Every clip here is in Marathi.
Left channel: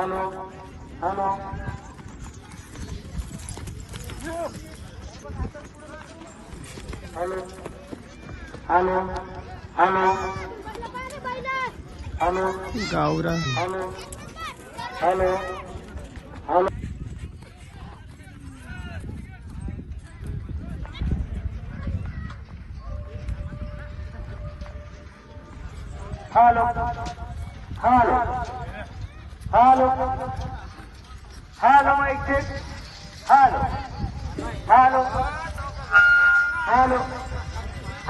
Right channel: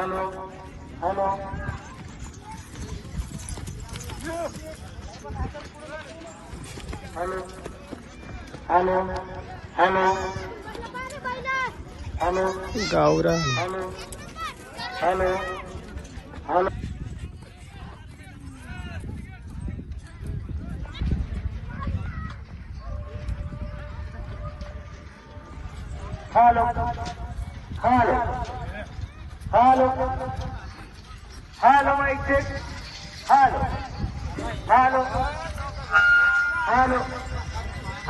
Hello hello hello hello hello hello गावरा hello hello hello hello hello hello hello mike hello hello hello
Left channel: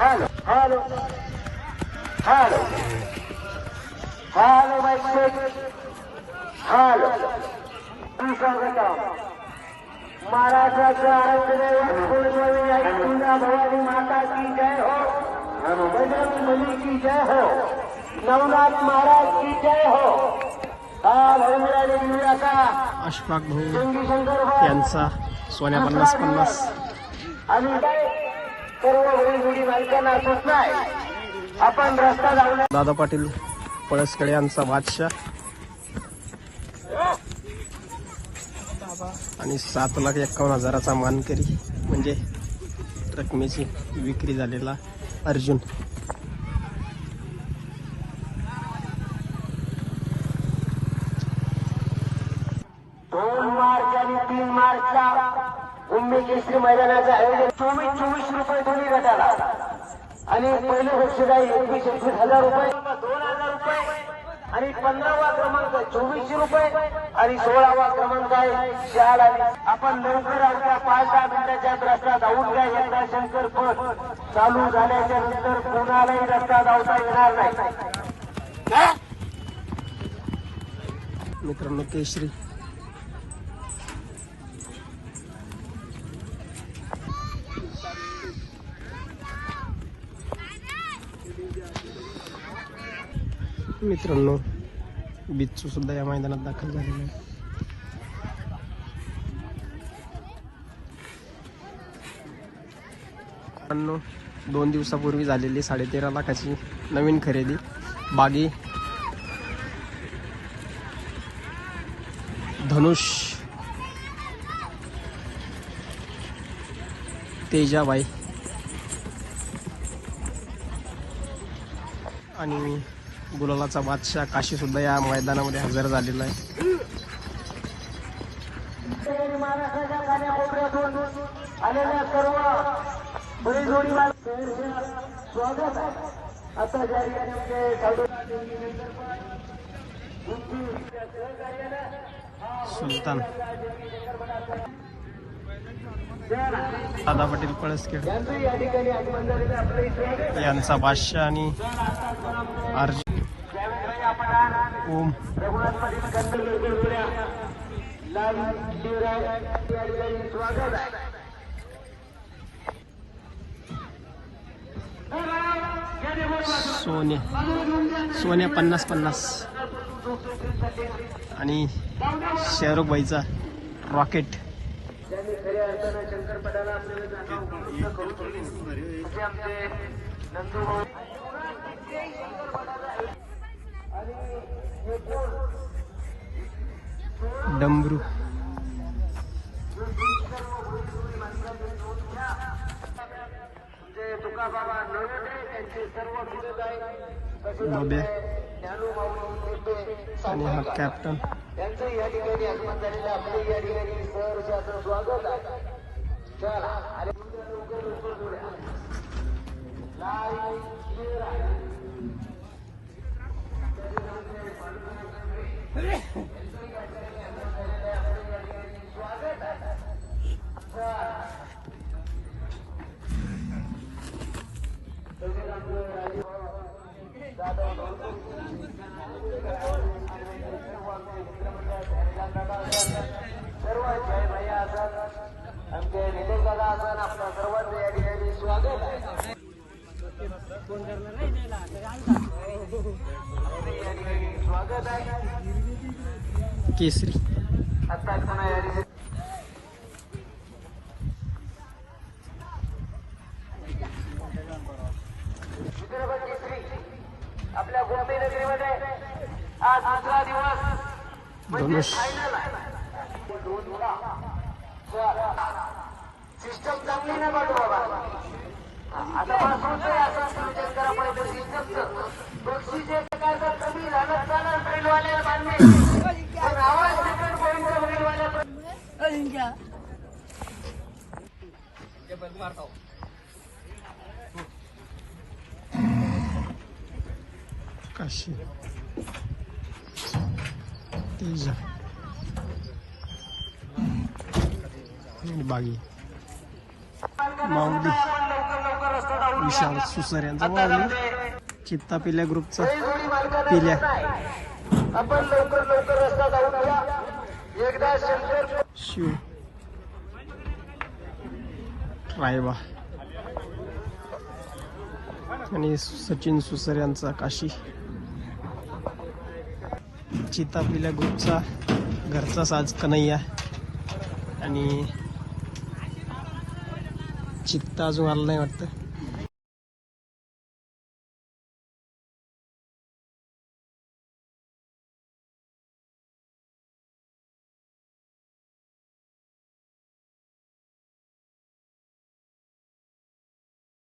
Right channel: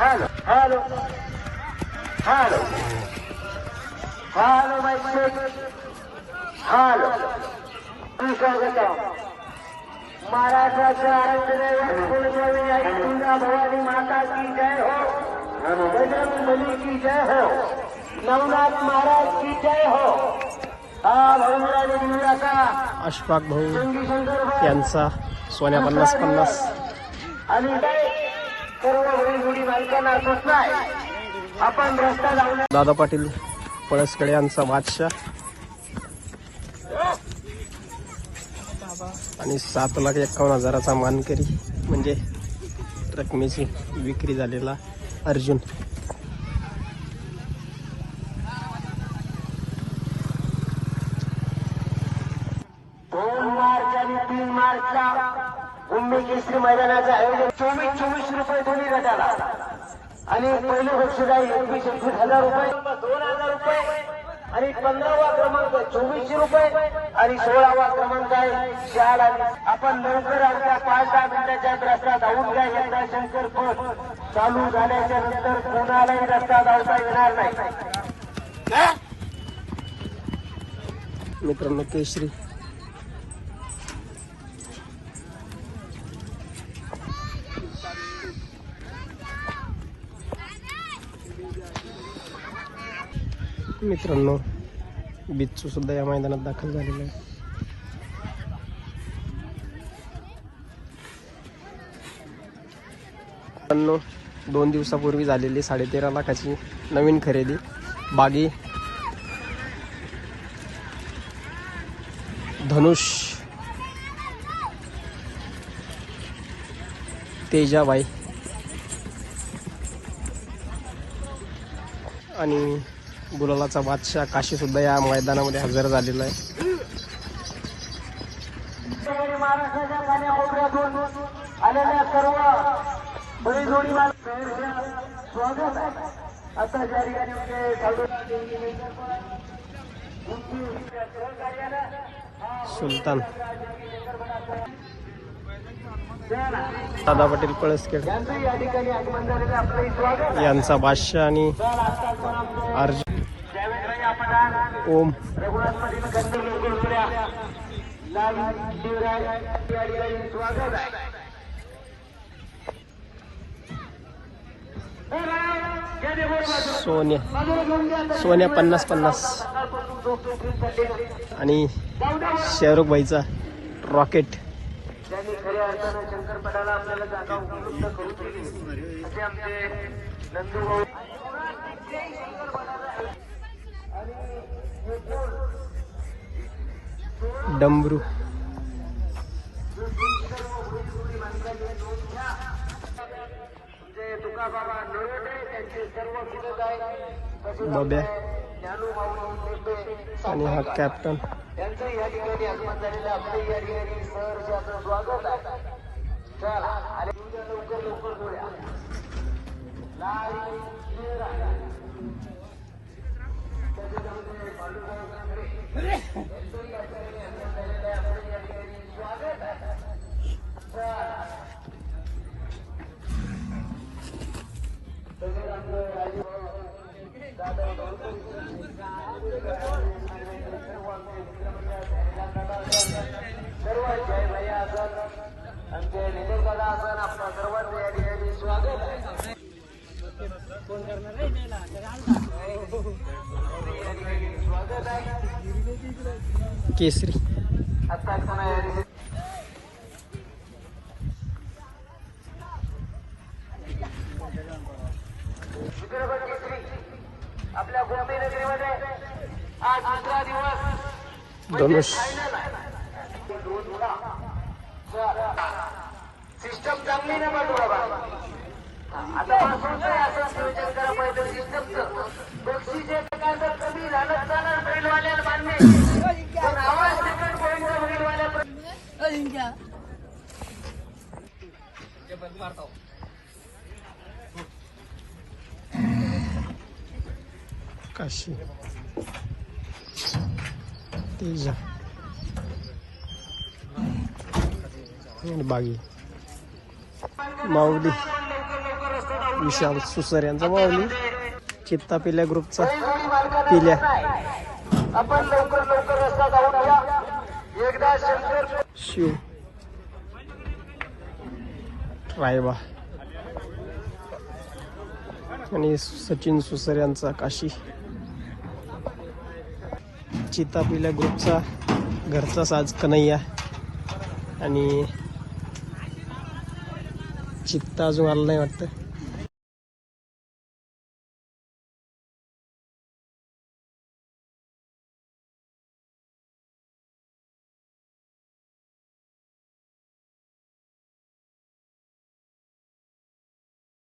hello hello hello hello mike hello स्वागत महाराष्ट्राच्या कुलदेवी भवानी माता की जय हो, बजरंग बली की जय हो, नवनाथ महाराज की जय हो. अशफाक भाऊ यांचा सोन्या 50-50. आपण रस्ता लावला. दादा पाटील पळसकडे यांचा बादशाह आणि 7,51,000चा मानकरी म्हणजे रकमेची विक्री झालेला अर्जुन. मार्च आणि 3 मार्चला उम्मी केसरी मैदानाचं आयोजन 24 रुपये दोन्ही गटाला आणि पहिली बक्षीस 21,000 रुपये, 2,000 रुपये आणि 15वा क्रमांक 2400 रुपये आणि 16वा क्रमांक आहे शाळा. आपण लवकर आमच्या 5-10 मिनिटाच्या रस्ता धावून घ्या. एकदा शंकर पट चालू झाल्याच्या नंतर कोणालाही रस्ता धावता येणार नाही. मित्रांनो केसरी मित्रांनो बिच्चू सुद्धा या मैदानात दाखल झालेला आहे. मित्रांनो 2 दिवसापूर्वी झालेली 13.5 लाखाची नवीन खरेदी बागी धनुष तेजाबाई आणि गुलालाचा बादशाह काशी सुद्धा या मैदानामध्ये हजर झालेला आहे. सुलतान दादा पाटील पळसखेड यांचा बादशाह आणि ओम सोन्या 50-50 आणि शेरू भाईचा रॉकेट. त्यांनी खऱ्या अर्थानं शंकरपटाला आपल्याला जागा उपलब्ध करून दिली. असे आमचे नंदू डमरू बब्या आणि हा कॅप्टन. केसरी धनुष सिस्टम चांगली नाही बघ बाबा. आता पासून असं विचार करा पाहिजे सिस्टम बक्षीचे काय तर कमी झालं चालणार बैलवाल्याला बांधणे पण आवाज तिकडून पॉईंट बैलवाल्या काशी तेजा आणि बागी माऊली विशाल सुसर यांचा माऊली चित्ता पिल्या ग्रुपचा पिल्या शिव रायबा आणि सचिन सुसर यांचा काशी चित्ता पिल्या ग्रुपचा घरचा साज कन्हैया आणि चित्ता अजून आला नाही वाटतं.